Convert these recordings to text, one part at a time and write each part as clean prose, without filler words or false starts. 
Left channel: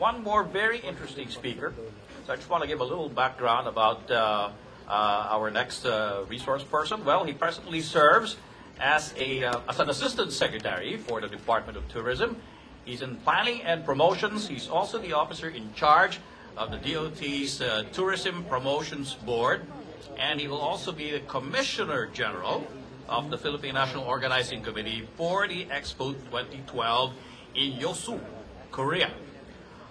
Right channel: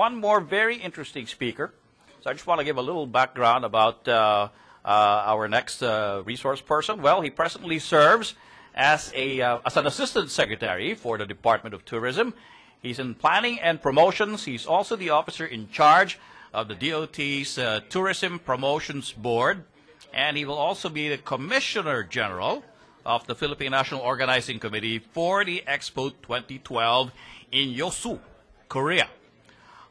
one more very interesting speaker. So I just want to give a little background about our next resource person. Well, he presently serves as an assistant secretary for the Department of Tourism. He's in planning and promotions. He's also the officer in charge of the DOT's Tourism Promotions Board, and he will also be the Commissioner General of the Philippine National Organizing Committee for the Expo 2012 in Yosu, Korea.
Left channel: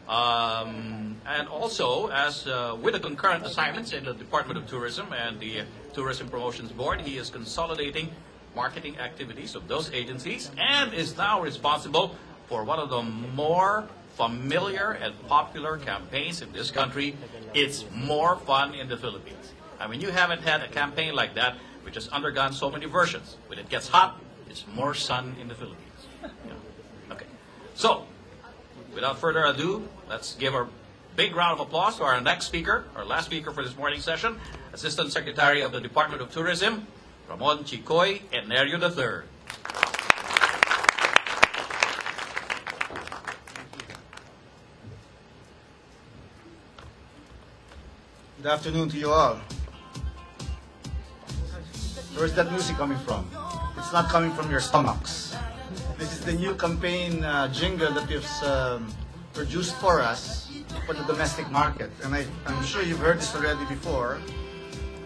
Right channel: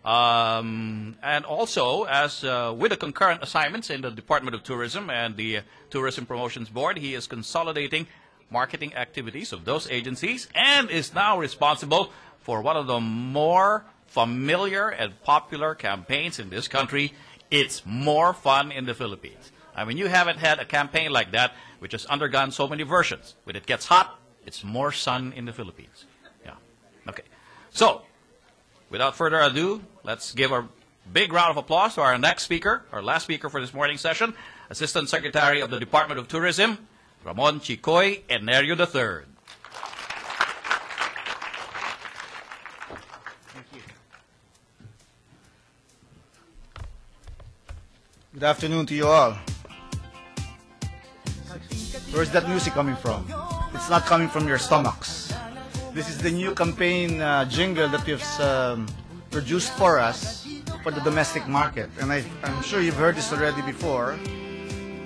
And also, as with the concurrent assignments in the Department of Tourism and the Tourism Promotions Board, he is consolidating marketing activities of those agencies and is now responsible for one of the more familiar and popular campaigns in this country. It's More Fun in the Philippines. I mean, you haven't had a campaign like that which has undergone so many versions. When it gets hot, it's more sun in the Philippines. Yeah. Okay. So, without further ado, let's give a big round of applause to our next speaker, our last speaker for this morning's session, Assistant Secretary of the Department of Tourism, Ramon Chicoy Enerio III. Good afternoon to you all. Where's that music coming from? It's not coming from your stomachs. This is the new campaign jingle that you've produced for us for the domestic market. And I'm sure you've heard this already before.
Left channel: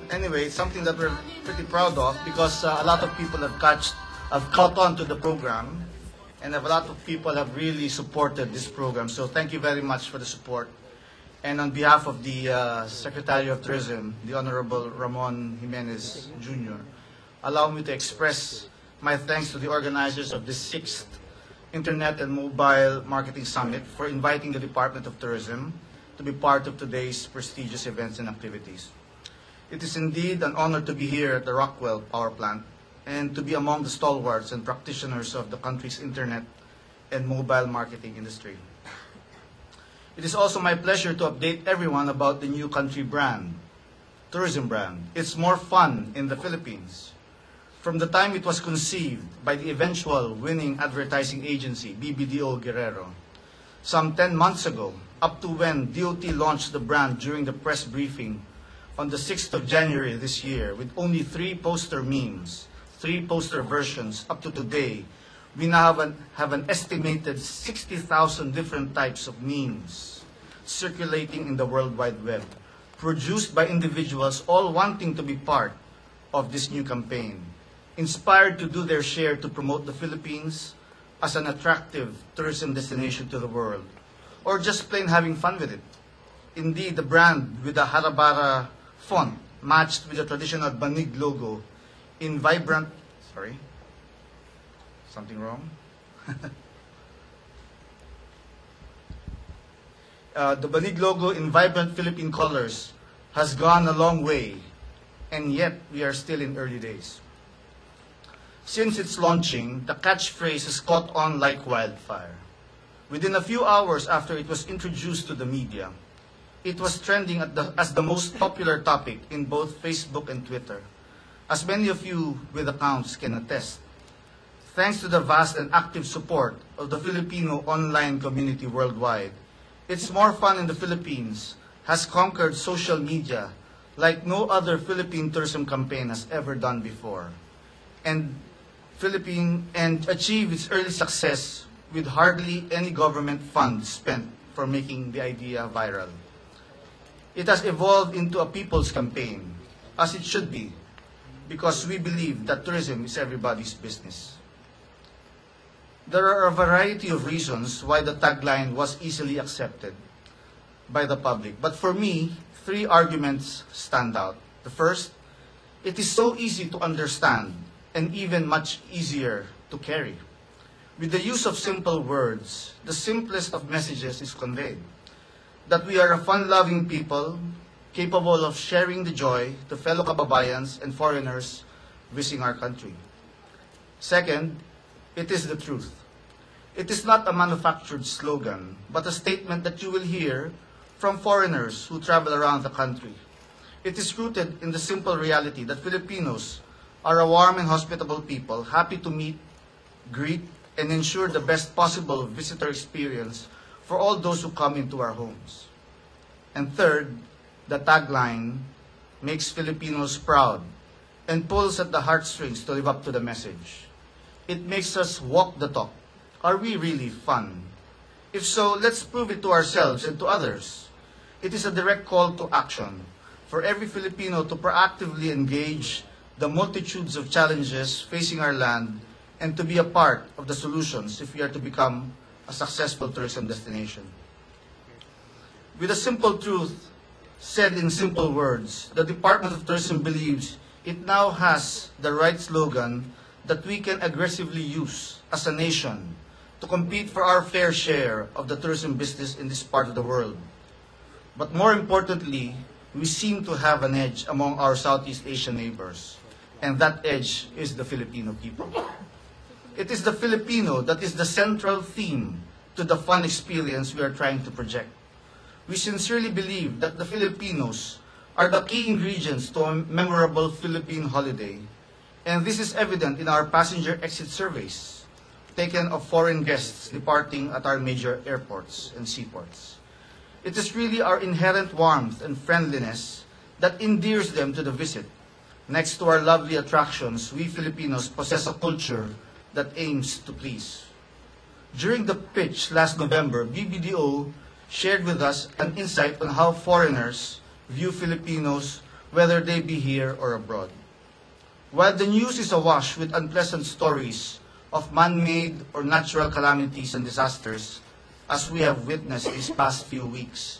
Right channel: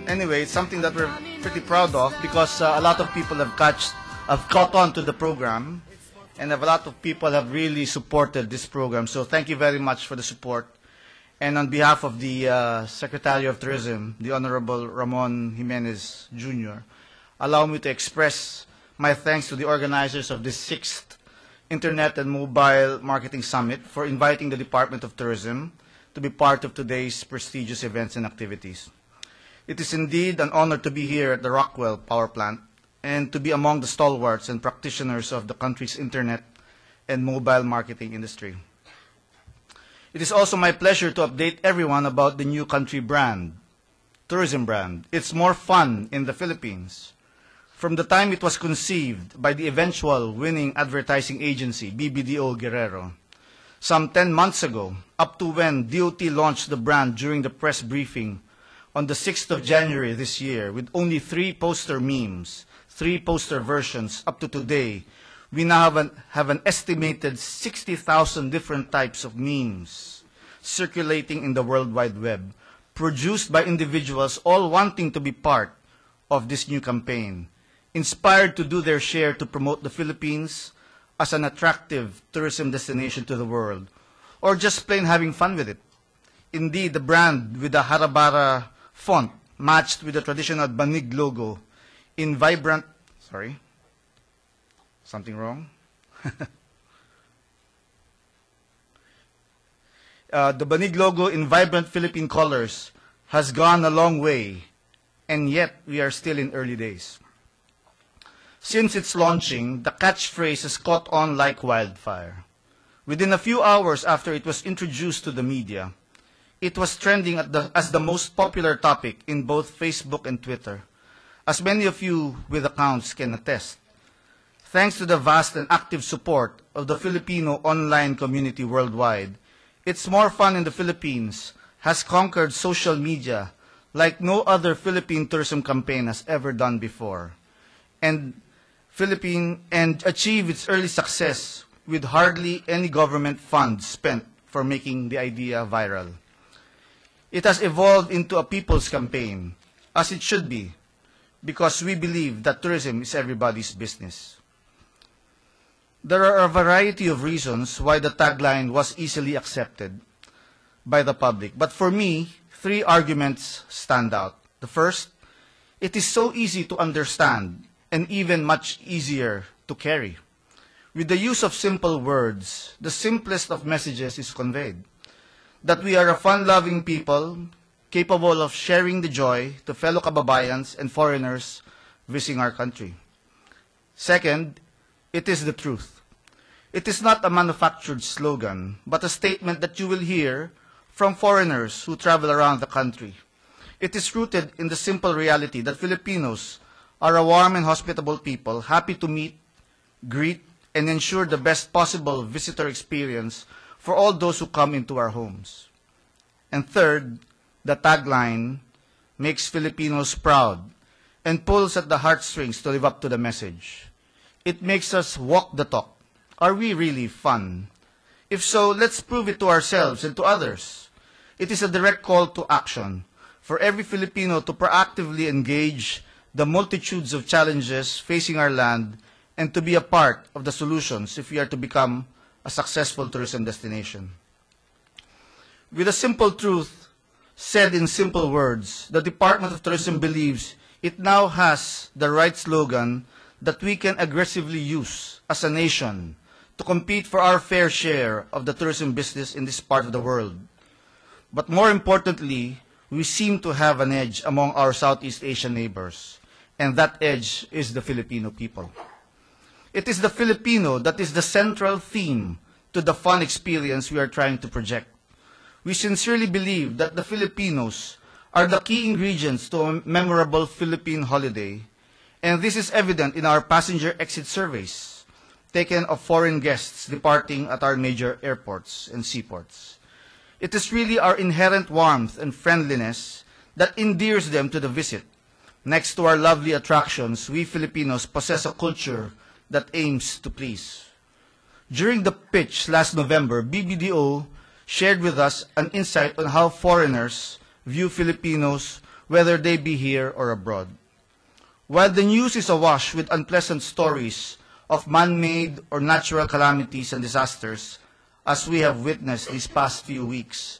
Anyway, it's something that we're pretty proud of because a lot of people have caught on to the program, and a lot of people have really supported this program. So thank you very much for the support. And on behalf of the Secretary of Tourism, the Honorable Ramon Jimenez Jr., allow me to express my thanks to the organizers of this 6th Internet and Mobile Marketing Summit for inviting the Department of Tourism to be part of today's prestigious events and activities. It is indeed an honor to be here at the Rockwell Power Plant and to be among the stalwarts and practitioners of the country's Internet and mobile marketing industry. It is also my pleasure to update everyone about the new country brand, tourism brand. It's More Fun in the Philippines. From the time it was conceived by the eventual winning advertising agency, BBDO Guerrero, some 10 months ago, up to when DOT launched the brand during the press briefing on the 6th of January this year with only 3 poster memes, 3 poster versions up to today, we now have an estimated 60,000 different types of memes circulating in the World Wide Web, produced by individuals all wanting to be part of this new campaign, inspired to do their share to promote the Philippines as an attractive tourism destination to the world, or just plain having fun with it. Indeed, the brand with the Harabara font matched with the traditional Banig logo in vibrant, something wrong? The Banig logo in vibrant Philippine colors has gone a long way, and yet we are still in early days. Since its launching, the catchphrase has caught on like wildfire. Within a few hours after it was introduced to the media, it was trending as the most popular topic in both Facebook and Twitter, as many of you with accounts can attest. Thanks to the vast and active support of the Filipino online community worldwide, It's More Fun in the Philippines has conquered social media like no other Philippine tourism campaign has ever done before, and achieved its early success with hardly any government funds spent for making the idea viral. It has evolved into a people's campaign, as it should be, because we believe that tourism is everybody's business. There are a variety of reasons why the tagline was easily accepted by the public, but for me, 3 arguments stand out. The first, it is so easy to understand and even much easier to carry. With the use of simple words, the simplest of messages is conveyed. That we are a fun-loving people, capable of sharing the joy to fellow kababayans and foreigners visiting our country. Second, it is the truth. It is not a manufactured slogan, but a statement that you will hear from foreigners who travel around the country. It is rooted in the simple reality that Filipinos are a warm and hospitable people, happy to meet, greet, and ensure the best possible visitor experience for all those who come into our homes. And third, the tagline makes Filipinos proud and pulls at the heartstrings to live up to the message. It makes us walk the talk. Are we really fun? If so, let's prove it to ourselves and to others. It is a direct call to action for every Filipino to proactively engage the multitudes of challenges facing our land and to be a part of the solutions if we are to become a successful tourism destination. With a simple truth said in simple words, the Department of Tourism believes it now has the right slogan that we can aggressively use as a nation to compete for our fair share of the tourism business in this part of the world. But more importantly, we seem to have an edge among our Southeast Asian neighbors, and that edge is the Filipino people. It is the Filipino that is the central theme to the fun experience we are trying to project. We sincerely believe that the Filipinos are the key ingredients to a memorable Philippine holiday, and this is evident in our passenger exit surveys taken of foreign guests departing at our major airports and seaports. It is really our inherent warmth and friendliness that endears them to the visit. Next to our lovely attractions, we Filipinos possess a culture that aims to please. During the pitch last November, BBDO shared with us an insight on how foreigners view Filipinos, whether they be here or abroad. While the news is awash with unpleasant stories of man-made or natural calamities and disasters, as we have witnessed these past few weeks,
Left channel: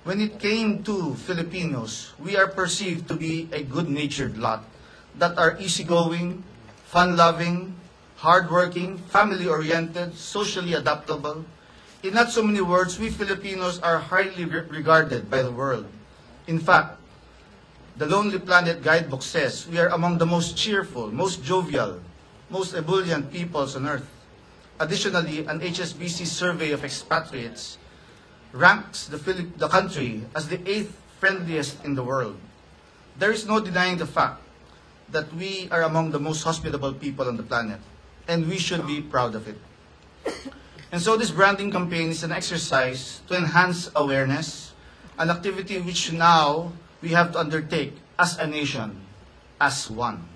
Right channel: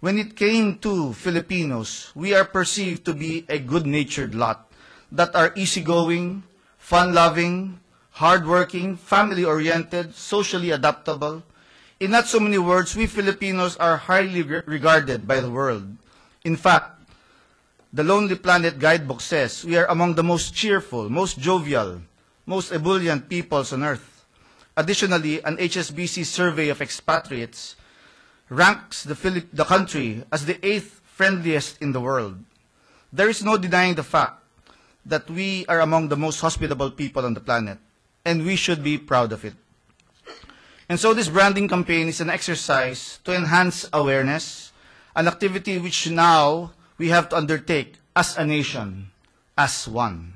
when it came to Filipinos, we are perceived to be a good-natured lot that are easygoing, fun-loving, hardworking, family-oriented, socially adaptable. In not so many words, we Filipinos are highly regarded by the world. In fact, the Lonely Planet Guidebook says we are among the most cheerful, most jovial, most ebullient peoples on earth. Additionally, an HSBC survey of expatriates ranks the country as the 8th friendliest in the world. There is no denying the fact that we are among the most hospitable people on the planet, and we should be proud of it. And so this branding campaign is an exercise to enhance awareness, an activity which now we have to undertake as a nation, as one.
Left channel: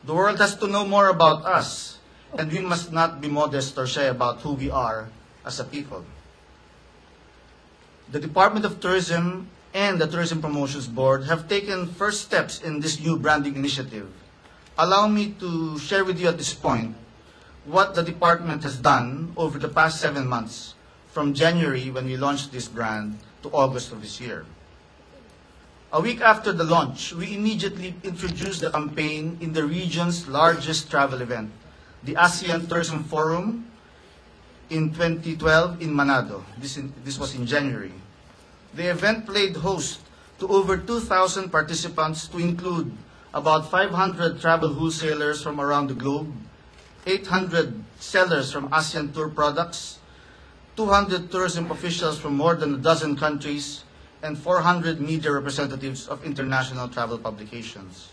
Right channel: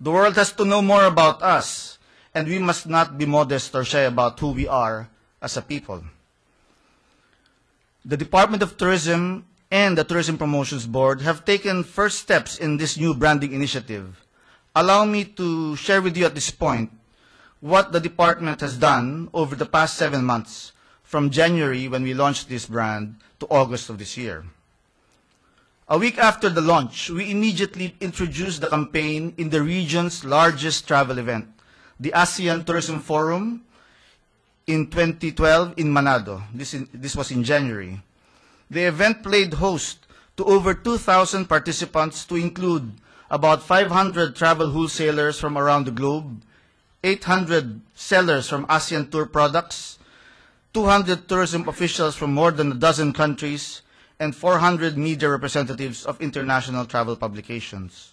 The world has to know more about us, and we must not be modest or shy about who we are as a people. The Department of Tourism and the Tourism Promotions Board have taken first steps in this new branding initiative. Allow me to share with you at this point what the department has done over the past 7 months, from January when we launched this brand to August of this year. A week after the launch, we immediately introduced the campaign in the region's largest travel event, the ASEAN Tourism Forum in 2012 in Manado. This was in January. The event played host to over 2,000 participants, to include about 500 travel wholesalers from around the globe, 800 sellers from ASEAN Tour products, 200 tourism officials from more than a dozen countries, and 400 media representatives of international travel publications.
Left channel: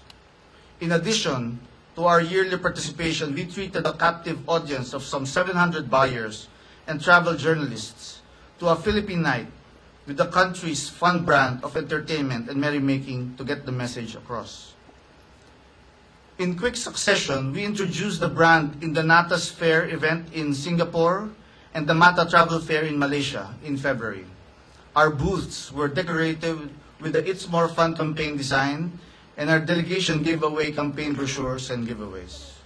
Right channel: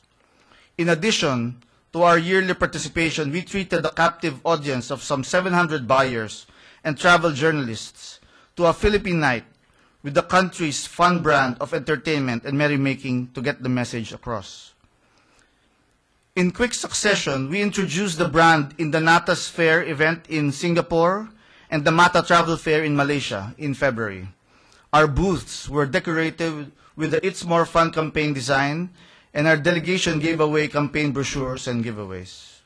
In addition to our yearly participation, we treated a captive audience of some 700 buyers and travel journalists to a Philippine night with the country's fun brand of entertainment and merrymaking to get the message across. In quick succession, we introduced the brand in the Natas Fair event in Singapore and the Mata Travel Fair in Malaysia in February. Our booths were decorated with the It's More Fun campaign design, and our delegation gave away campaign brochures and giveaways.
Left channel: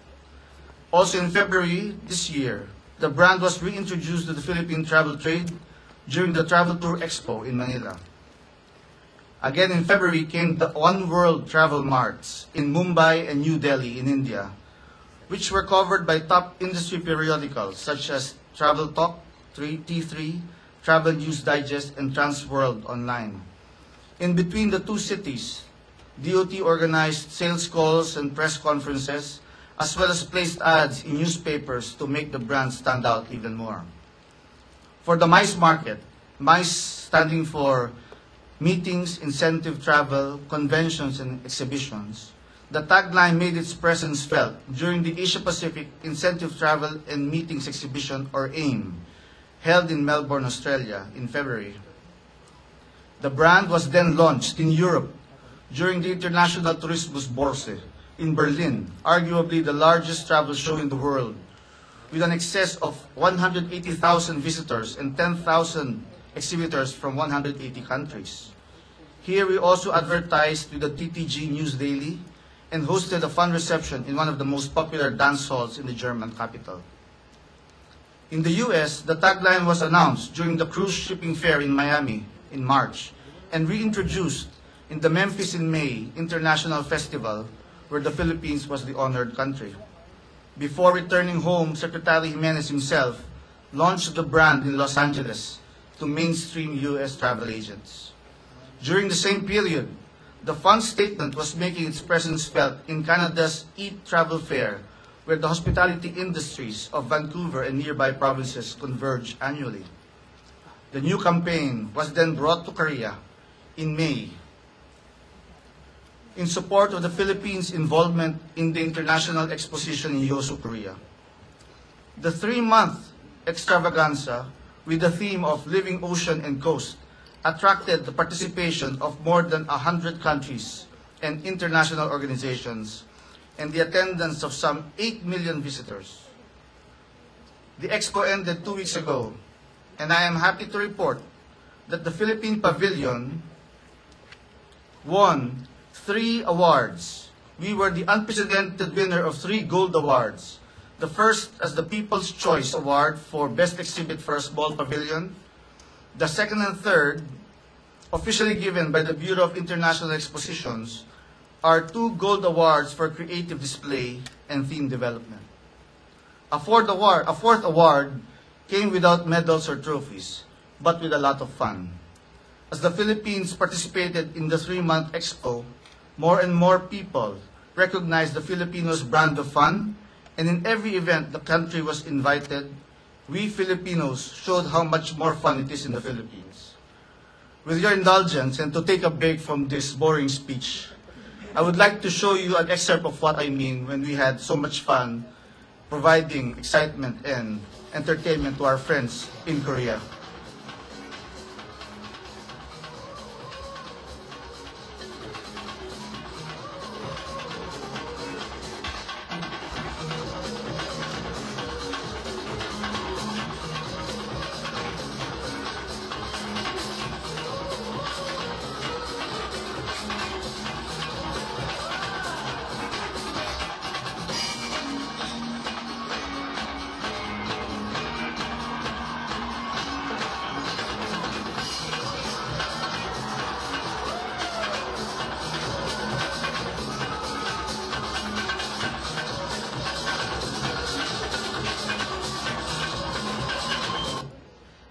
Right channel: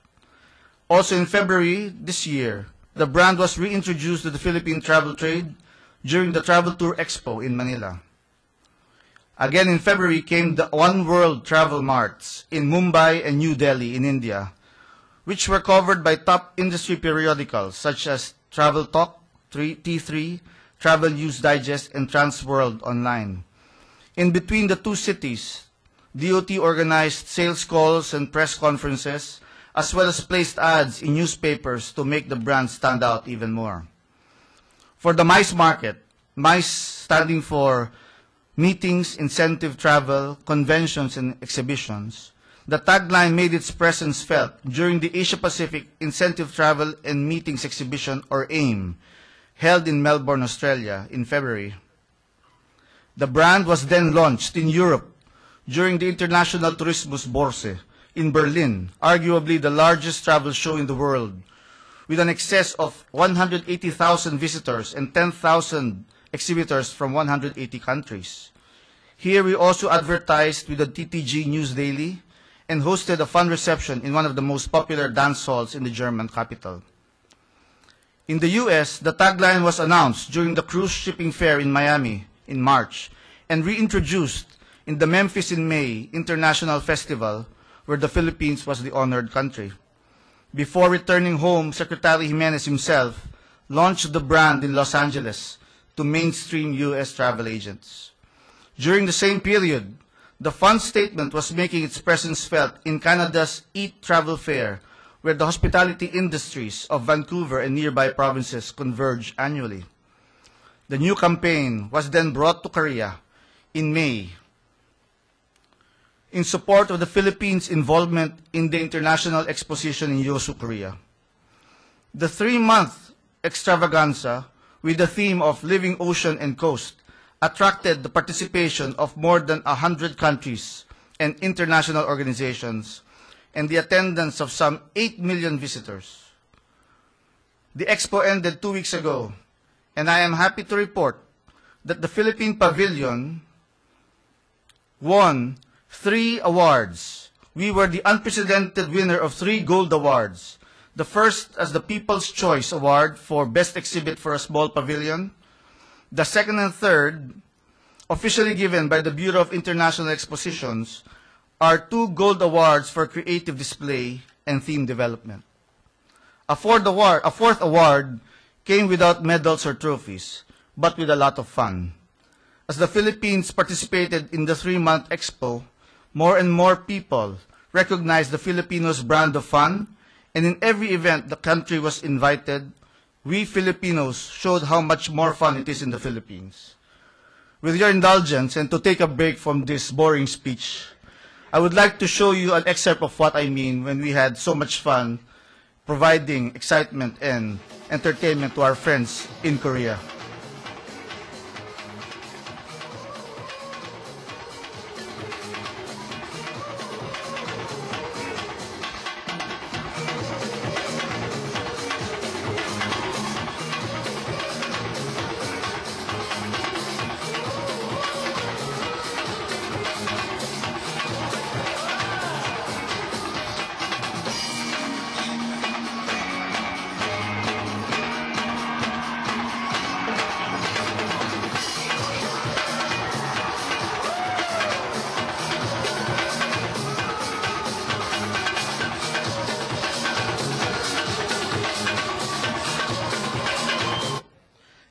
Also in February this year, the brand was reintroduced to the Philippine travel trade during the Travel Tour Expo in Manila. Again in February came the One World Travel Marts in Mumbai and New Delhi in India, which were covered by top industry periodicals such as Travel Talk, T3, Travel News Digest, and Transworld Online. In between the two cities, DOT organized sales calls and press conferences, as well as placed ads in newspapers to make the brand stand out even more. For the MICE market, MICE standing for Meetings, Incentive Travel, Conventions, and Exhibitions, the tagline made its presence felt during the Asia Pacific Incentive Travel and Meetings Exhibition, or AIM, held in Melbourne, Australia in February. The brand was then launched in Europe during the International Tourismus Börse in Berlin, arguably the largest travel show in the world, with an excess of 180,000 visitors and 10,000 exhibitors from 180 countries. Here we also advertised with the TTG News Daily and hosted a fun reception in one of the most popular dance halls in the German capital. In the US, the tagline was announced during the cruise shipping fair in Miami in March and reintroduced in the Memphis in May International Festival, where the Philippines was the honored country. Before returning home, Secretary Jimenez himself launched the brand in Los Angeles to mainstream US travel agents. During the same period, the fund statement was making its presence felt in Canada's Eat Travel Fair, where the hospitality industries of Vancouver and nearby provinces converge annually. The new campaign was then brought to Korea in May in support of the Philippines' involvement in the International Exposition in Yosu, Korea. The 3-month extravaganza with the theme of Living Ocean and Coast attracted the participation of more than 100 countries and international organizations and the attendance of some 8 million visitors. The expo ended 2 weeks ago, and I am happy to report that the Philippine Pavilion won 3 awards. We were the unprecedented winner of 3 gold awards. The first as the People's Choice Award for Best Exhibit for a Small Pavilion. The second and third, officially given by the Bureau of International Expositions, are 2 gold awards for creative display and theme development. A fourth award came without medals or trophies, but with a lot of fun. As the Philippines participated in the 3-month expo, more and more people recognized the Filipinos' brand of fun, and in every event the country was invited, we Filipinos showed how much more fun it is in the Philippines. With your indulgence, and to take a break from this boring speech, I would like to show you an excerpt of what I mean when we had so much fun providing excitement and entertainment to our friends in Korea.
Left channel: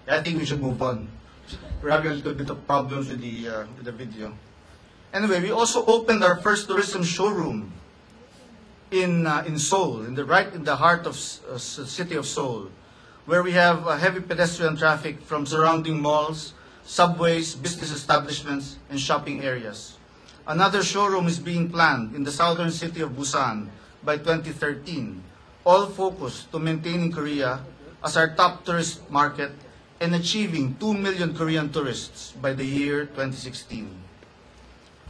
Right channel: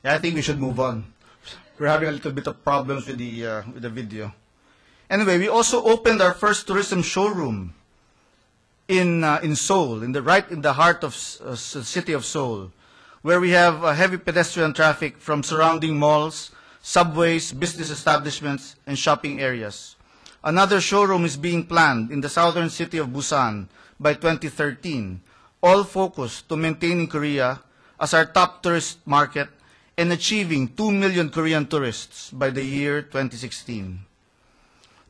I think we should move on. We're having a little bit of problems with the video. Anyway, we also opened our first tourism showroom in Seoul, right in the heart of the city of Seoul, where we have heavy pedestrian traffic from surrounding malls, subways, business establishments, and shopping areas. Another showroom is being planned in the southern city of Busan by 2013, all focused to maintaining Korea as our top tourist market and achieving 2 million Korean tourists by the year 2016.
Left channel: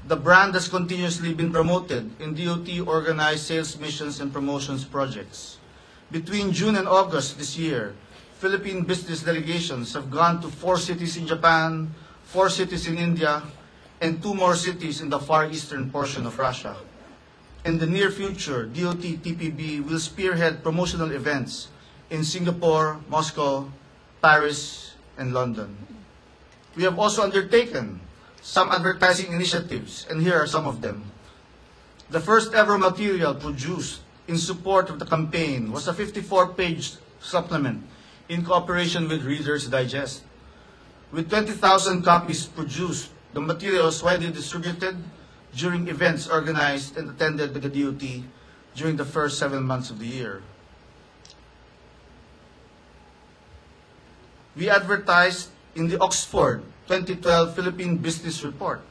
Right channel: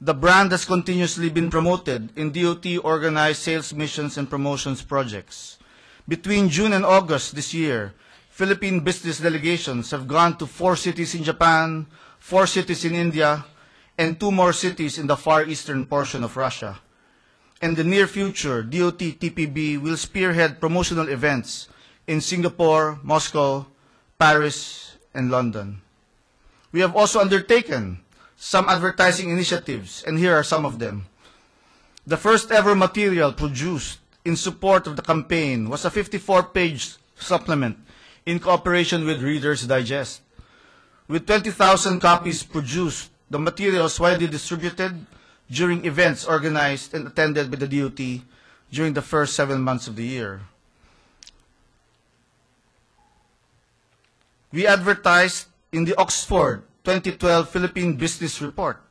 The brand has continuously been promoted in DOT-organized sales missions and promotions projects. Between June and August this year, Philippine business delegations have gone to 4 cities in Japan, 4 cities in India, and 2 more cities in the far eastern portion of Russia. In the near future, DOT-TPB will spearhead promotional events in Singapore, Moscow, Paris, and London. We have also undertaken some advertising initiatives, and here are some of them. The first ever material produced in support of the campaign was a 54-page supplement in cooperation with Reader's Digest. With 20,000 copies produced, the material was widely distributed during events organized and attended by the DOT during the first 7 months of the year. We advertised in the Oxford 2012 Philippine Business Report.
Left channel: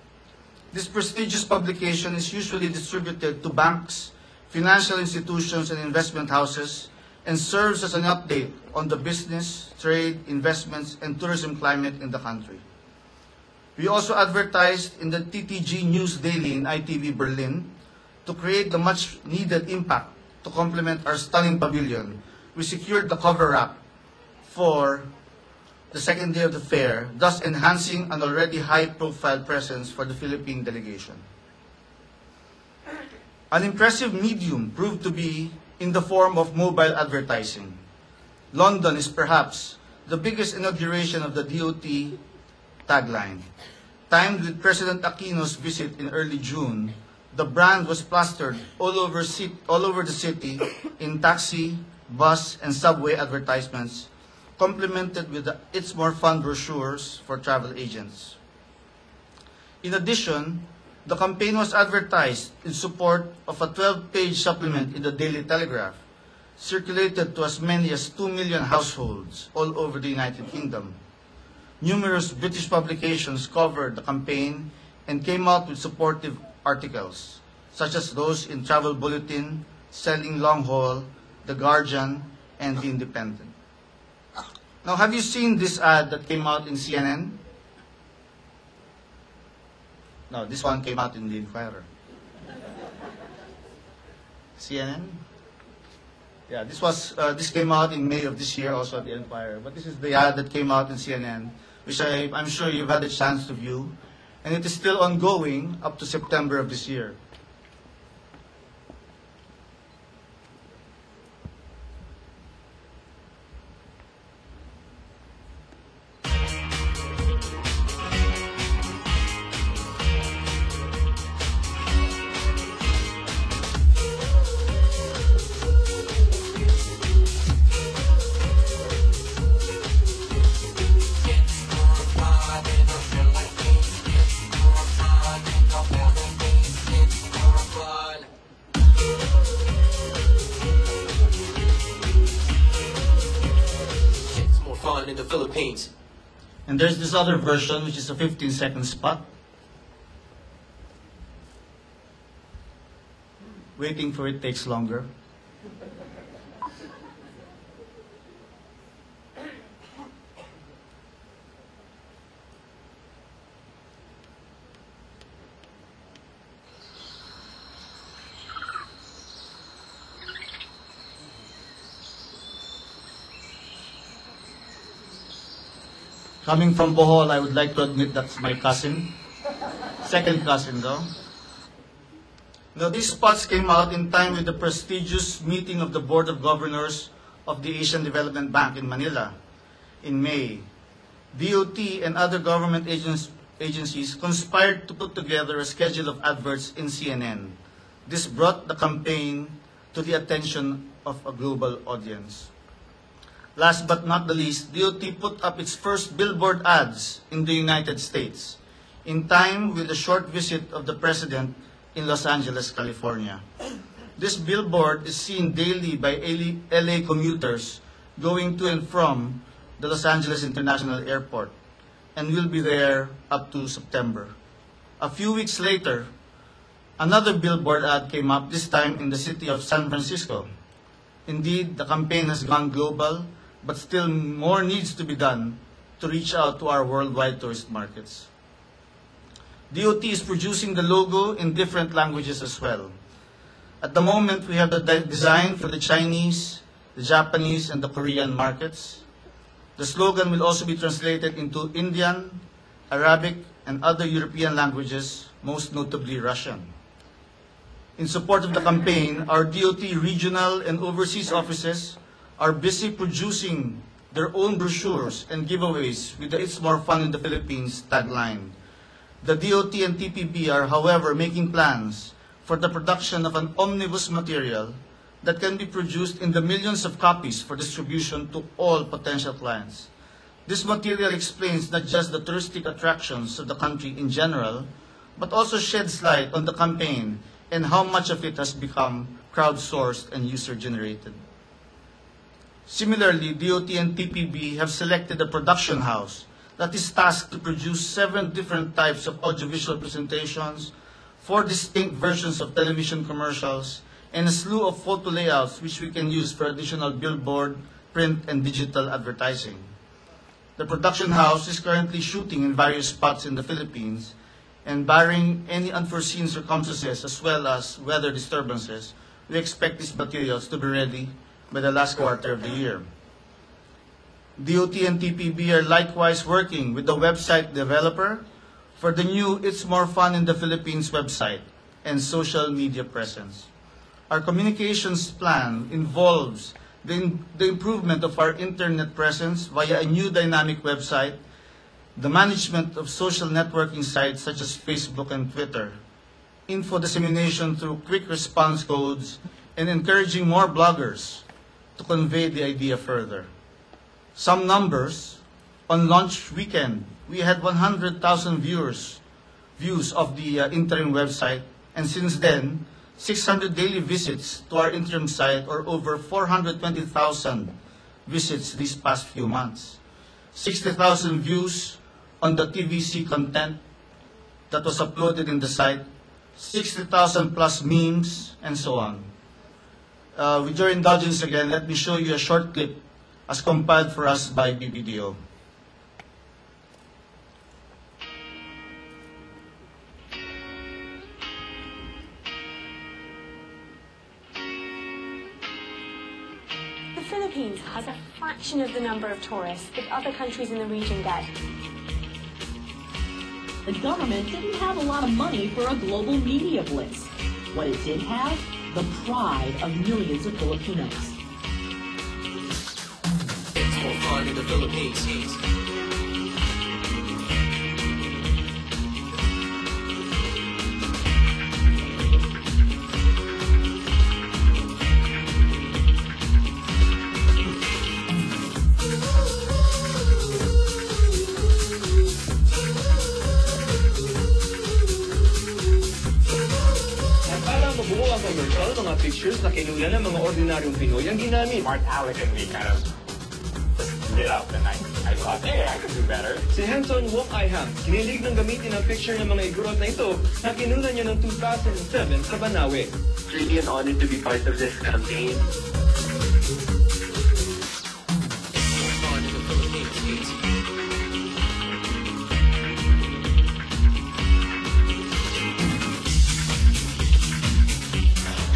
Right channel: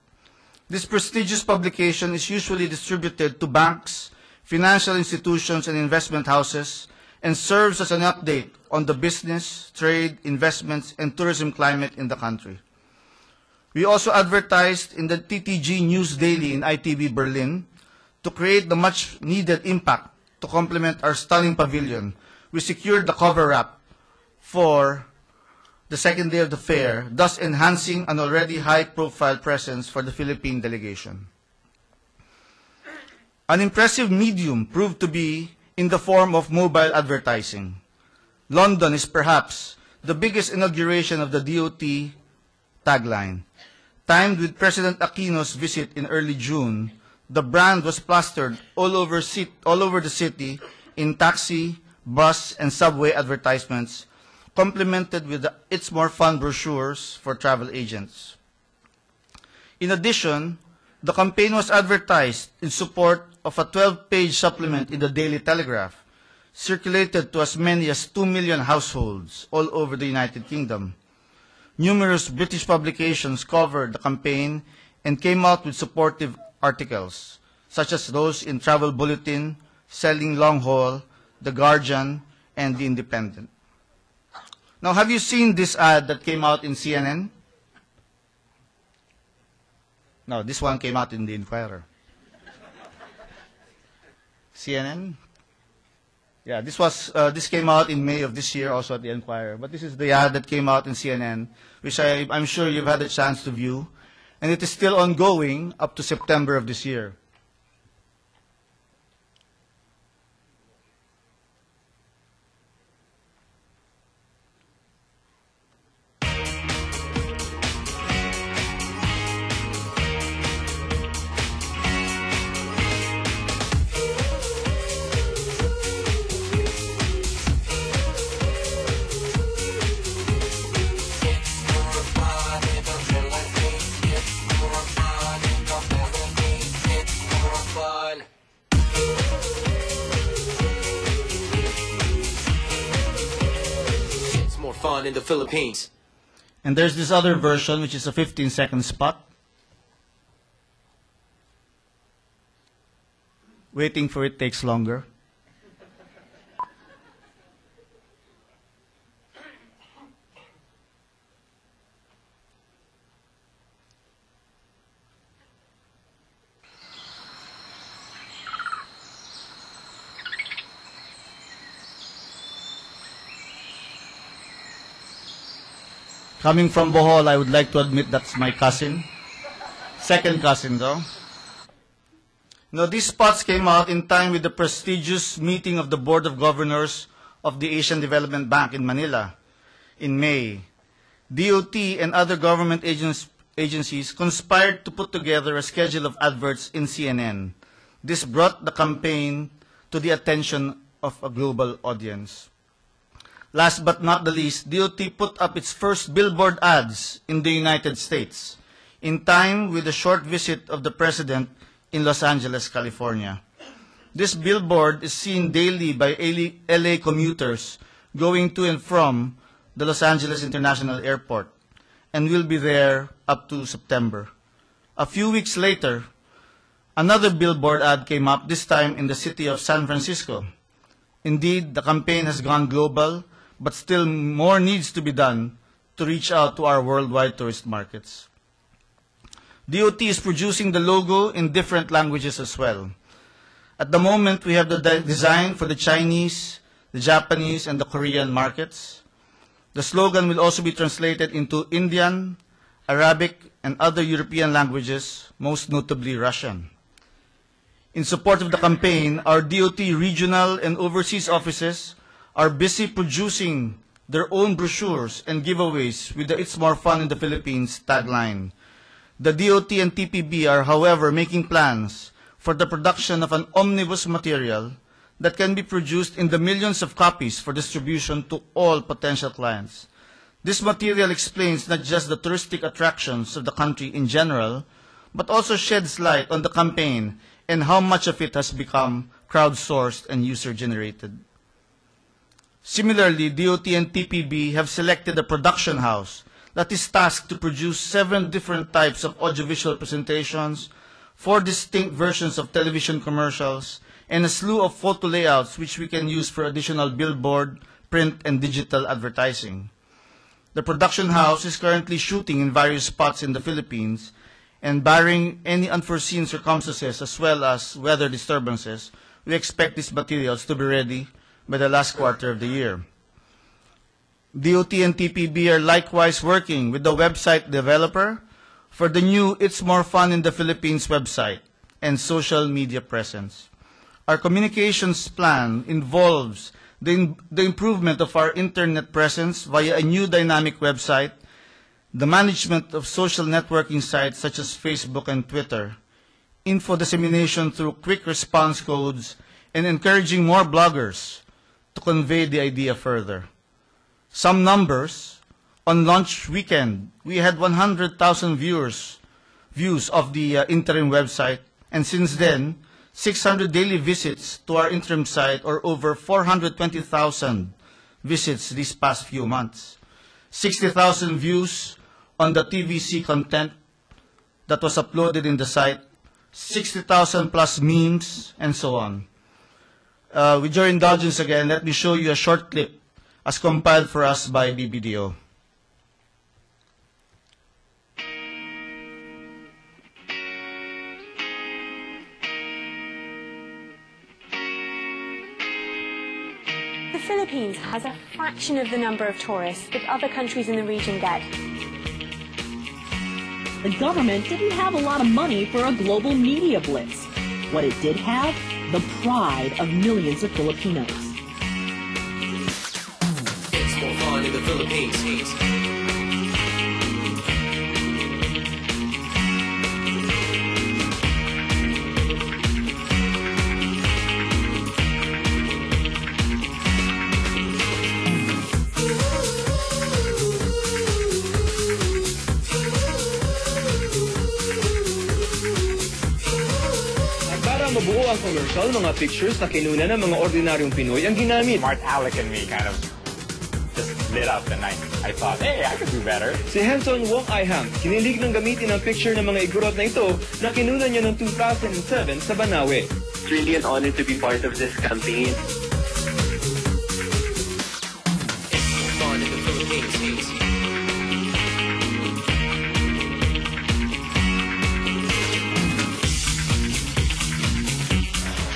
This prestigious publication is usually distributed to banks, financial institutions, and investment houses and serves as an update on the business, trade, investments, and tourism climate in the country. We also advertised in the TTG News Daily in ITV Berlin to create the much-needed impact to complement our stunning pavilion. We secured the cover wrap for the second day of the fair, thus enhancing an already high-profile presence for the Philippine delegation. An impressive medium proved to be in the form of mobile advertising. London is perhaps the biggest inauguration of the DOT tagline. Timed with President Aquino's visit in early June, the brand was plastered all over the city in taxi, bus, and subway advertisements, complemented with It's More Fun brochures for travel agents. In addition, the campaign was advertised in support of a 12-page supplement in the Daily Telegraph, circulated to as many as 2 million households all over the United Kingdom. Numerous British publications covered the campaign and came out with supportive articles, such as those in Travel Bulletin, Selling Long Haul, The Guardian, and The Independent. Now, have you seen this ad that came out in CNN? No, this one came out in The Inquirer. CNN? Yeah, this came out in May of this year, also at The Inquirer. But this is the ad that came out in CNN, which I'm sure you've had the chance to view. And it is still ongoing up to September of this year. In the Philippines. And there's this other version, which is a 15-second spot. Waiting for it takes longer. Coming from Bohol, I would like to admit that's my cousin. Second cousin, though. Now, these spots came out in time with the prestigious meeting of the Board of Governors of the Asian Development Bank in Manila in May. DOT and other government agencies conspired to put together a schedule of adverts in CNN. This brought the campaign to the attention of a global audience. Last but not the least, DOT put up its first billboard ads in the United States, in time with a short visit of the President in Los Angeles, California. This billboard is seen daily by LA commuters going to and from the Los Angeles International Airport, and will be there up to September. A few weeks later, another billboard ad came up, this time in the city of San Francisco. Indeed, the campaign has gone global, but still more needs to be done to reach out to our worldwide tourist markets. DOT is producing the logo in different languages as well. At the moment, we have the design for the Chinese, the Japanese, and the Korean markets. The slogan will also be translated into Indian, Arabic, and other European languages, most notably Russian. In support of the campaign, our DOT regional and overseas offices are busy producing their own brochures and giveaways with the It's More Fun in the Philippines tagline. The DOT and TPB are, however, making plans for the production of an omnibus material that can be produced in the millions of copies for distribution to all potential clients. This material explains not just the touristic attractions of the country in general, but also sheds light on the campaign and how much of it has become crowdsourced and user-generated. Similarly, DOT and TPB have selected a production house that is tasked to produce 7 different types of audiovisual presentations, 4 distinct versions of television commercials, and a slew of photo layouts which we can use for additional billboard, print, and digital advertising. The production house is currently shooting in various spots in the Philippines, and barring any unforeseen circumstances as well as weather disturbances, we expect these materials to be ready by the last quarter of the year. DOT and TPB are likewise working with the website developer for the new It's More Fun in the Philippines website and social media presence. Our communications plan involves the improvement of our internet presence via a new dynamic website, the management of social networking sites such as Facebook and Twitter, info dissemination through quick response codes, and encouraging more bloggers to convey the idea further. Some numbers: on launch weekend, we had 100,000 views of the interim website, and since then, 600 daily visits to our interim site, or over 420,000 visits these past few months. 60,000 views on the TVC content that was uploaded in the site, 60,000 plus memes, and so on. With your indulgence again, let me show you a short clip as compiled for us by BBDO. The Philippines has a fraction of the number of tourists that other countries in the region get. The government didn't have a lot of money for a global media blitz. What it did have? The pride of millions of Filipinos. It's more fun in the Philippines. Para mabuo ang commercial, mga pictures na kinuna ng mga ordinaryong Pinoy ang ginamit. Mark Alec and me kind of just lit up, and I thought, hey, I could do better. Si Hanson Wong Ai-hang, kinilig ng gamitin ang picture ng mga igurot na ito na kinuna niya noong 2007 sa Banawe. It's really an honor to be part of this campaign. It's more fun in the Philippines.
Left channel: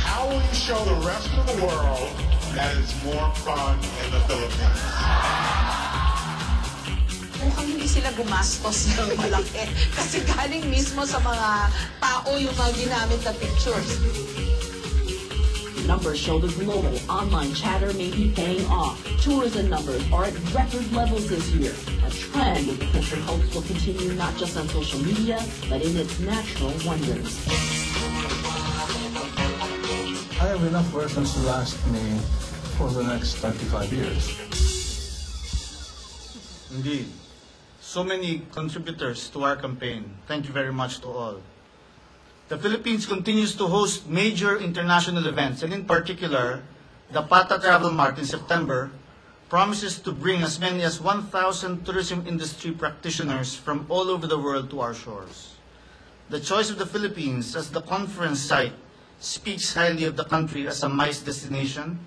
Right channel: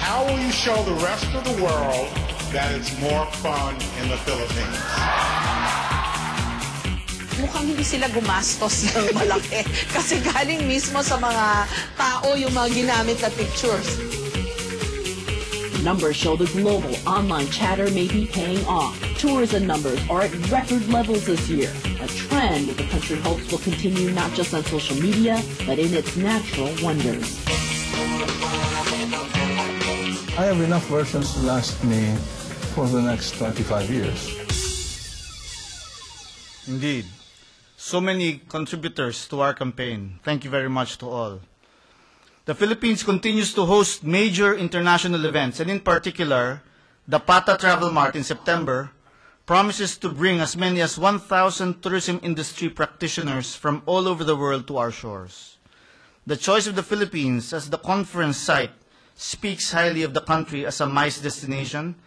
How will you show the rest of the world that it's more fun in the Philippines? Mukhang hindi sila gumastos ng malaki kasi galing mismo sa mga tao yung mga ginamit na pictures. Numbers show the global online chatter may be paying off. Tourism numbers are at record levels this year, a trend that the country hopes will continue not just on social media, but in its natural wonders. I have enough versions to last me for the next 25 years. Indeed. So many contributors to our campaign. Thank you very much to all. The Philippines continues to host major international events, and in particular, the PATA Travel Mart in September promises to bring as many as 1,000 tourism industry practitioners from all over the world to our shores. The choice of the Philippines as the conference site speaks highly of the country as a MICE destination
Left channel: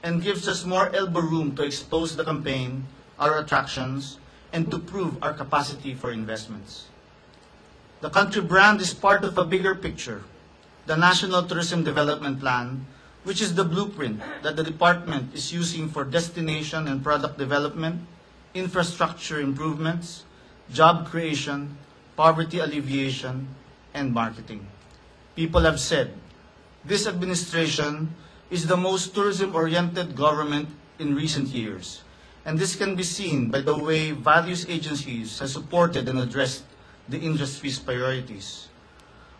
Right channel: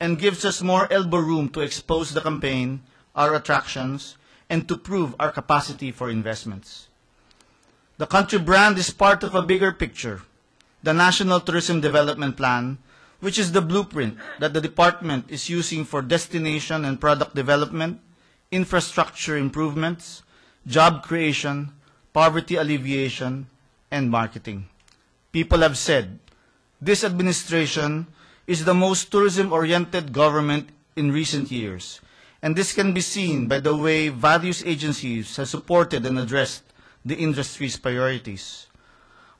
and gives us more elbow room to expose the campaign, our attractions, and to prove our capacity for investments. The country brand is part of a bigger picture, the National Tourism Development Plan, which is the blueprint that the department is using for destination and product development, infrastructure improvements, job creation, poverty alleviation, and marketing. People have said, this administration is the most tourism-oriented government in recent years, and this can be seen by the way various agencies have supported and addressed the industry's priorities.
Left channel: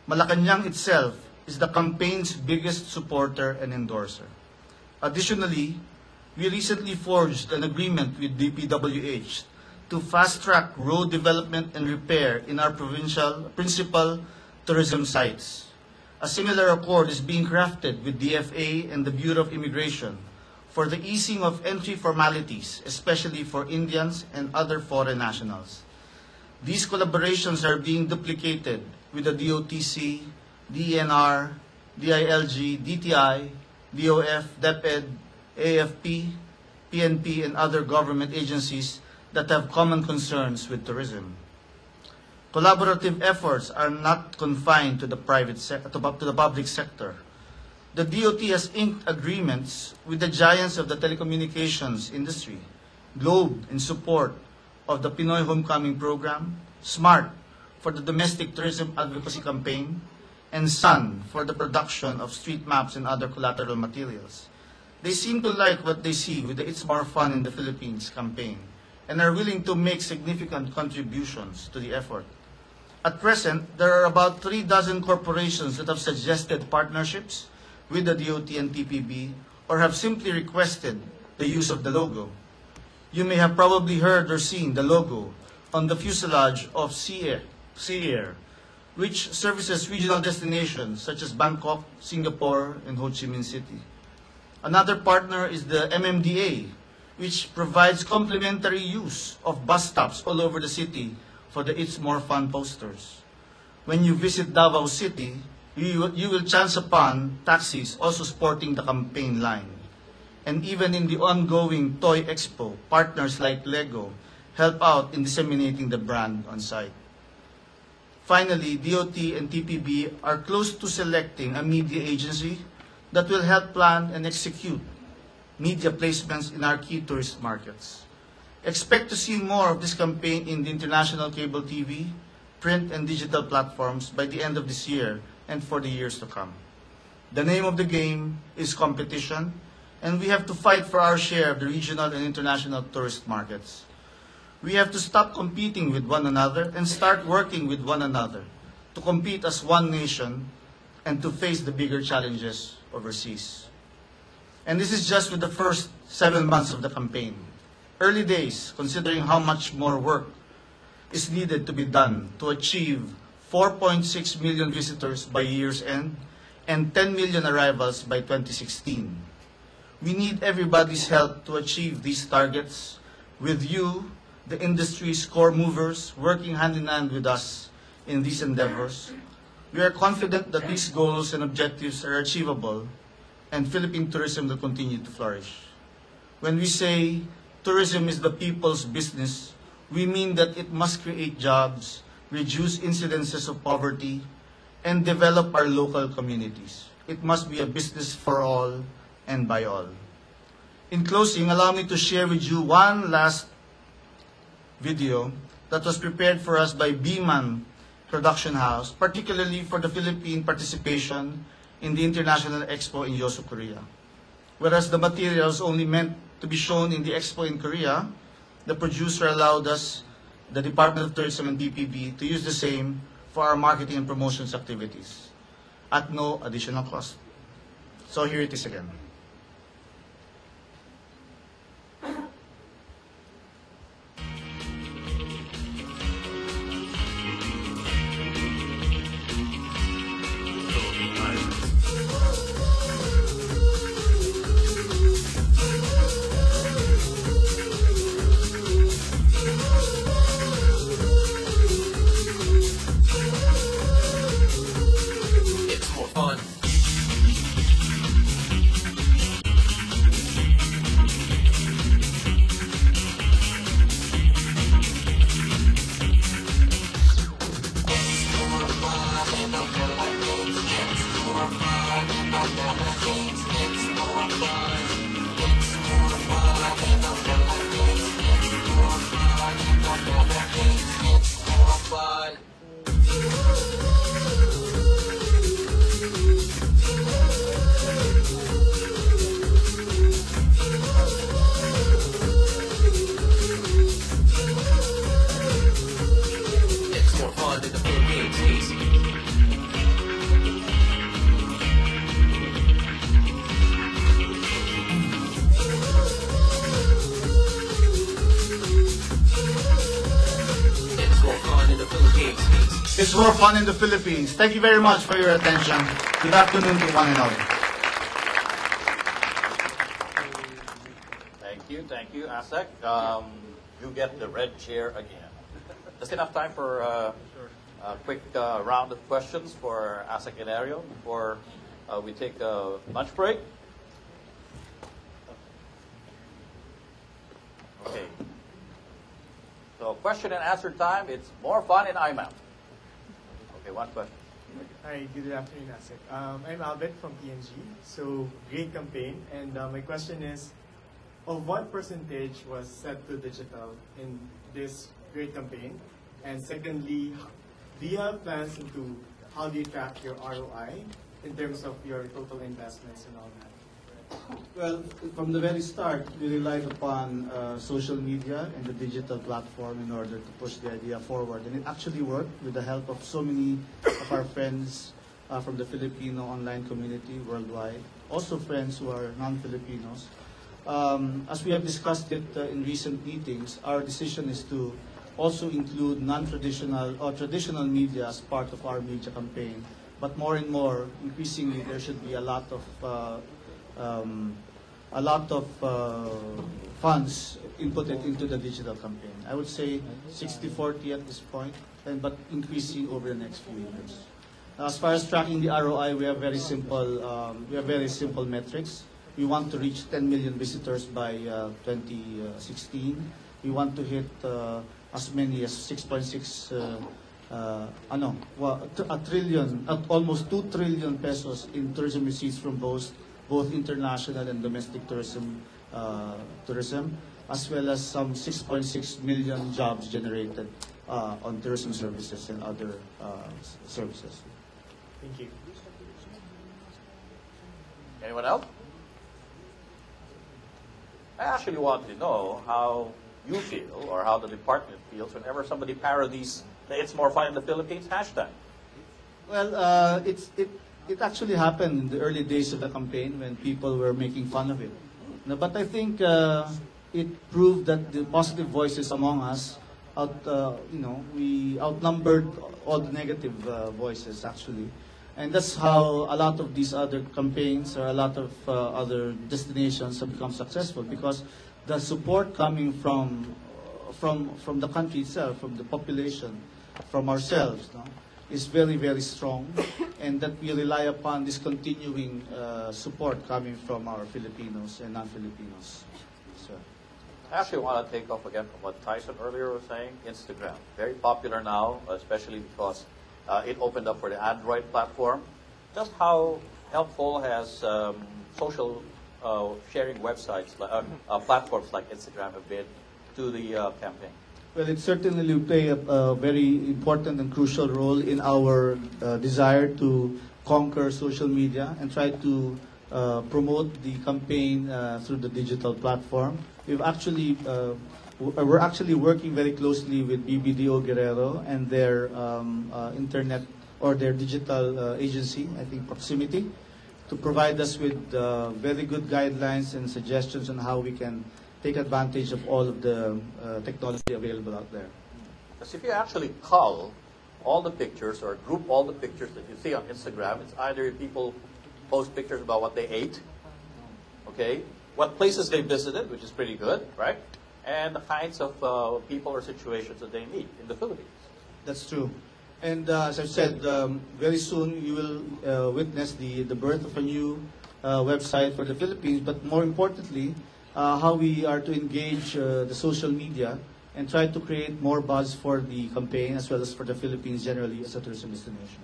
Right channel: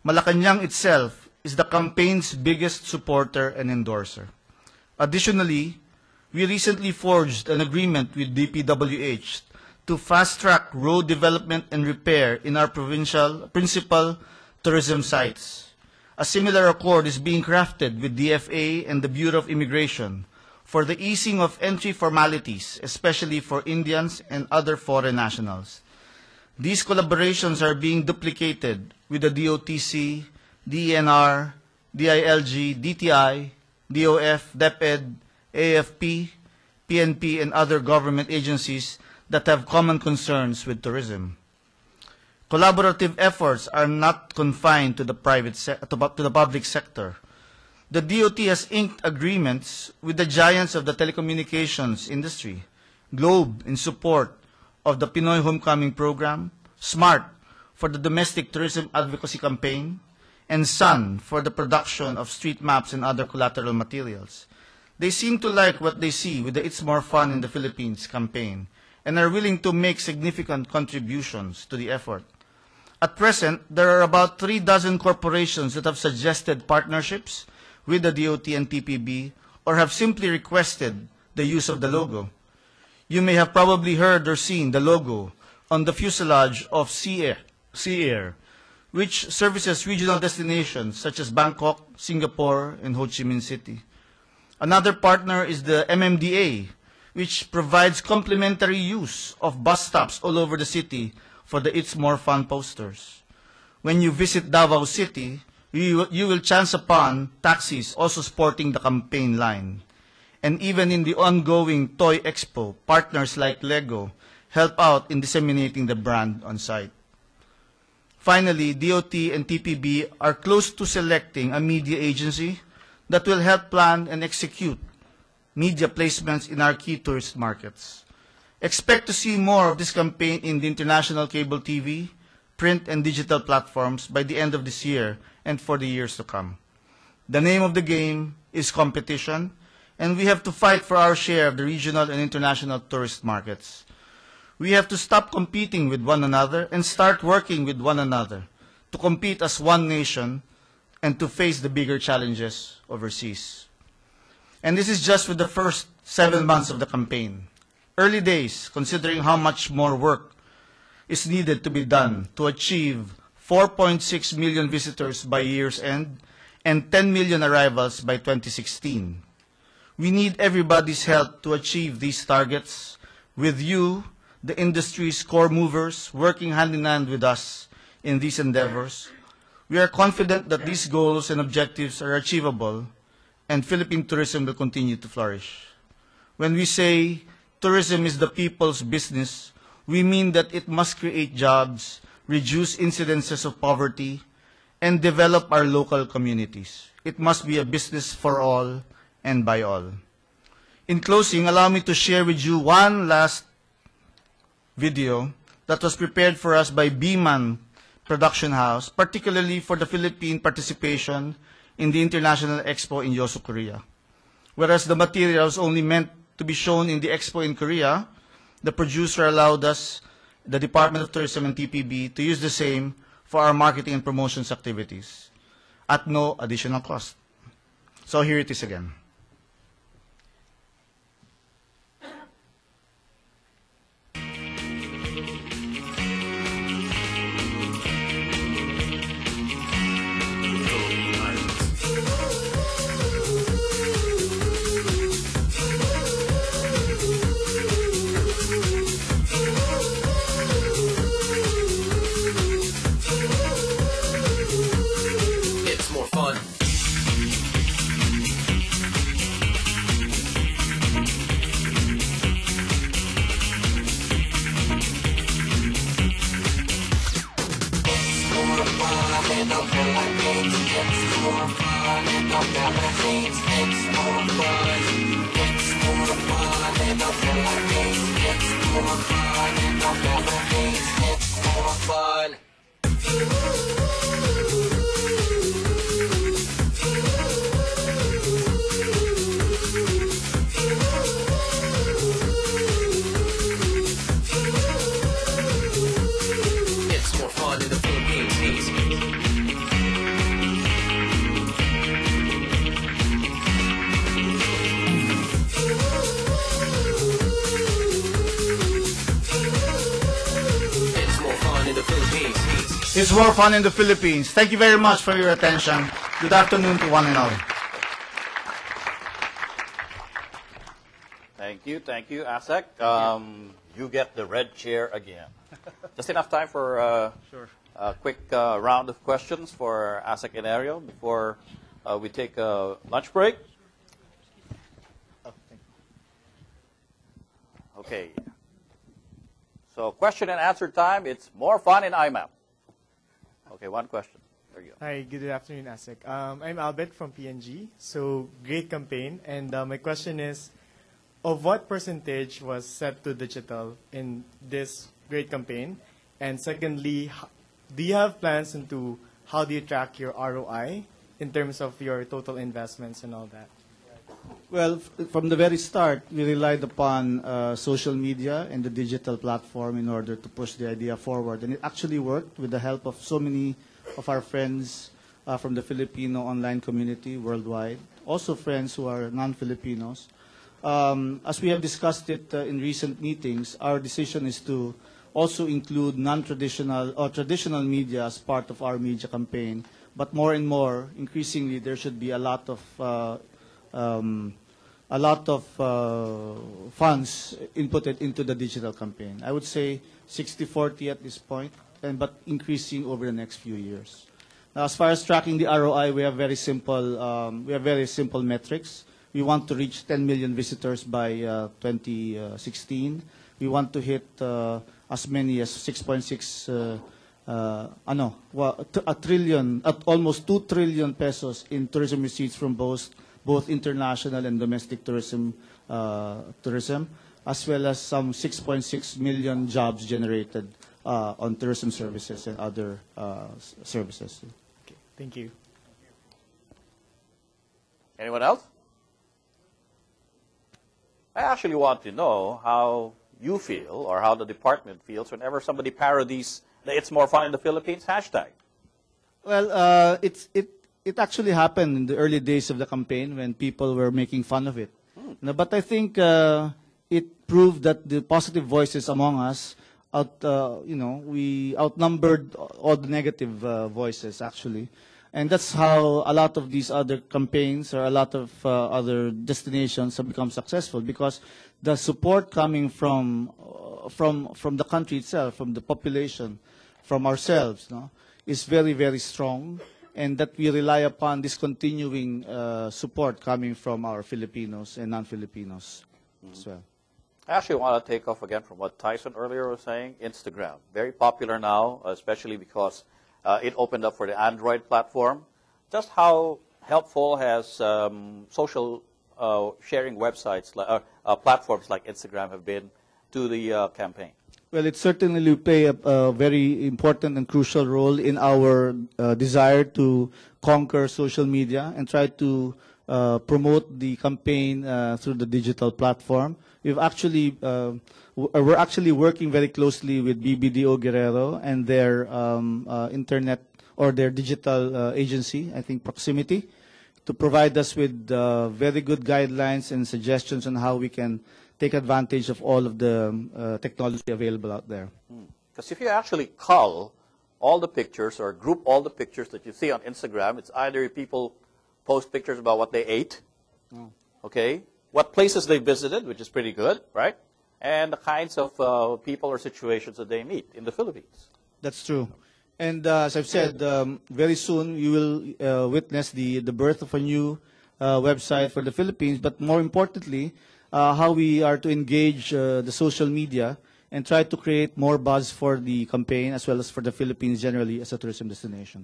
Malacanang itself is the campaign's biggest supporter and endorser. Additionally, we recently forged an agreement with DPWH to fast-track road development and repair in our provincial principal tourism sites. A similar accord is being crafted with DFA and the Bureau of Immigration for the easing of entry formalities, especially for Indians and other foreign nationals. These collaborations are being duplicated with the DOTC, DENR, DILG, DTI, DOF, DepEd, AFP, PNP, and other government agencies that have common concerns with tourism. Collaborative efforts are not confined to the public sector. The DOT has inked agreements with the giants of the telecommunications industry, Globe in support of the Pinoy Homecoming Program, SMART for the domestic tourism advocacy campaign, and Sun for the production of street maps and other collateral materials. They seem to like what they see with the It's More Fun in the Philippines campaign and are willing to make significant contributions to the effort. At present, there are about 3 dozen corporations that have suggested partnerships with the DOT and PPB or have simply requested the use of the logo. You may have probably heard or seen the logo on the fuselage of Sea Air, which services regional destinations such as Bangkok, Singapore, and Ho Chi Minh City. Another partner is the MMDA, which provides complimentary use of bus stops all over the city for the It's More Fun posters. When you visit Davao City, you will chance upon taxis also sporting the campaign line. And even in the ongoing Toy Expo, partners like Lego help out in disseminating the brand on site. Finally, DOT and TPB are close to selecting a media agency that will help plan and execute media placements in our key tourist markets. Expect to see more of this campaign in the international cable TV, print, and digital platforms by the end of this year and for the years to come. The name of the game is competition, and we have to fight for our share of the regional and international tourist markets. We have to stop competing with one another and start working with one another to compete as one nation and to face the bigger challenges overseas. And this is just with the first 7 months of the campaign. Early days, considering how much more work is needed to be done to achieve 4.6 million visitors by year's end and 10 million arrivals by 2016. We need everybody's help to achieve these targets, with you, the industry's core movers, working hand in hand with us in these endeavors. We are confident that these goals and objectives are achievable, and Philippine tourism will continue to flourish. When we say tourism is the people's business, we mean that it must create jobs, reduce incidences of poverty, and develop our local communities. It must be a business for all and by all. In closing, allow me to share with you one last video that was prepared for us by Biman Production House, particularly for the Philippine participation in the International Expo in Yosu, Korea. Whereas the material was only meant to be shown in the Expo in Korea, the producer allowed us, the Department of Tourism and TPB, to use the same for our marketing and promotions activities at no additional cost. So here it is again. It's more fun. It's more fun in the Philippines. It's more fun in the Philippines. It's more fun in the Philippines. Thank you very much for your attention. Good afternoon to one and all. Thank you, ASEC. You get the red chair again. Just enough time for a quick round of questions for ASEC and Enerio before we take a lunch break. Okay. So question and answer time. It's more fun in IMAP. Okay, one question. Hi, good afternoon, Asik. I'm Albert from PNG. So, great campaign. And my question is, of what percentage was set to digital in this great campaign? And secondly, do you have plans into how do you track your ROI in terms of your total investments and all that? Well, from the very start, we relied upon social media and the digital platform in order to push the idea forward. And it actually worked with the help of so many of our friends from the Filipino online community worldwide, also friends who are non-Filipinos. As we have discussed it in recent meetings, our decision is to also include non-traditional or traditional media as part of our media campaign. But more and more, increasingly, there should be a lot of funds inputted into the digital campaign. I would say 60-40 at this point, but increasing over the next few years. Now, as far as tracking the ROI, we have very simple metrics. We want to reach 10 million visitors by 2016. We want to hit as many as 6.6 a trillion, almost 2 trillion pesos in tourism receipts from both international and domestic tourism, as well as some 6.6 million jobs generated on tourism services and other services. Thank you. Anyone else? I actually want to know how you feel or how the department feels whenever somebody parodies the "It's More Fun in the Philippines" hashtag. Well, it actually happened in the early days of the campaign when people were making fun of it. But I think it proved that the positive voices among us, we outnumbered all the negative voices actually. And that's how a lot of these other campaigns or a lot of other destinations have become successful, because the support coming from the country itself, from the population, from ourselves, is very, very strong, and that we rely upon this continuing support coming from our Filipinos and non-Filipinos as well. I actually want to take off again from what Tyson earlier was saying. Instagram, very popular now, especially because it opened up for the Android platform. Just how helpful has social sharing websites, platforms like Instagram have been to the campaign? Well, it certainly will play a very important and crucial role in our desire to conquer social media and try to promote the campaign through the digital platform. We're actually working very closely with BBDO Guerrero and their internet or their digital agency, I think Proximity, to provide us with very good guidelines and suggestions on how we can take advantage of all of the technology available out there. Because if you actually cull all the pictures or group all the pictures that you see on Instagram, it's either people post pictures about what they ate, okay, what places they visited, which is pretty good, right, and the kinds of people or situations that they meet in the Philippines. That's true. And as I've said, very soon you will witness the birth of a new website for the Philippines, but more importantly, how we are to engage the social media and try to create more buzz for the campaign as well as for the Philippines generally as a tourism destination.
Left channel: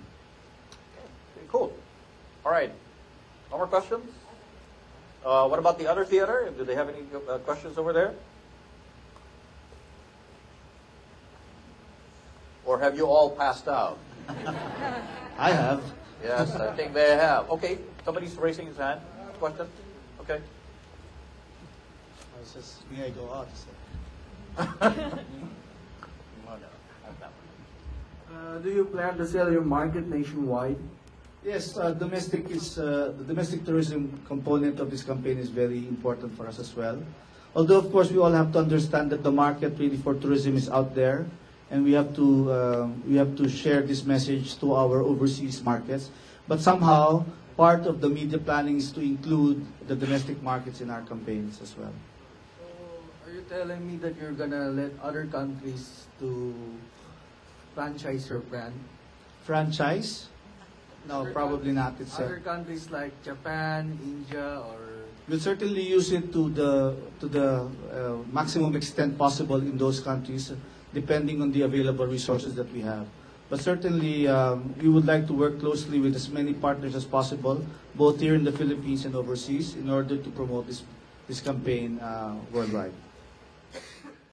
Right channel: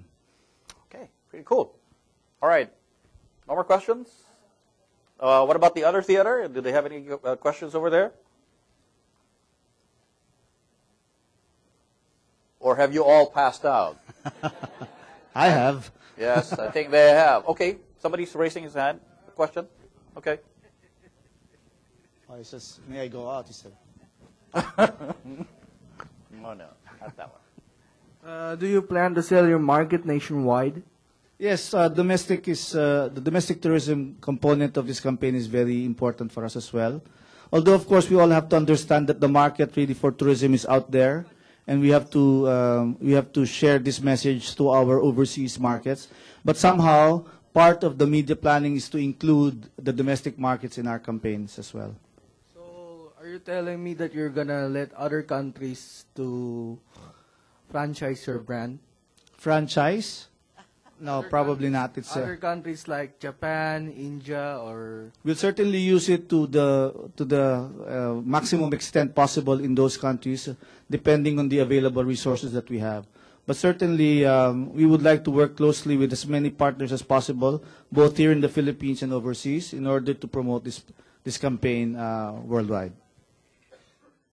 Okay, pretty cool. All right, no more questions? What about the other theater? Do they have any questions over there? Or have you all passed out? I have. Yes, I think they have. Okay, somebody's raising his hand. Question? Okay. I was just, may I go out? Do you plan to sell your market nationwide? Yes, the domestic tourism component of this campaign is very important for us as well. Although, of course, we all have to understand that the market really for tourism is out there, and we have to share this message to our overseas markets. But somehow, part of the media planning is to include the domestic markets in our campaigns as well. So, are you telling me that you're gonna let other countries to franchise your brand? Franchise? No, probably not. It's other countries like Japan, India, or we'll certainly use it to the maximum extent possible in those countries, depending on the available resources that we have. But certainly, we would like to work closely with as many partners as possible, both here in the Philippines and overseas, in order to promote this campaign worldwide.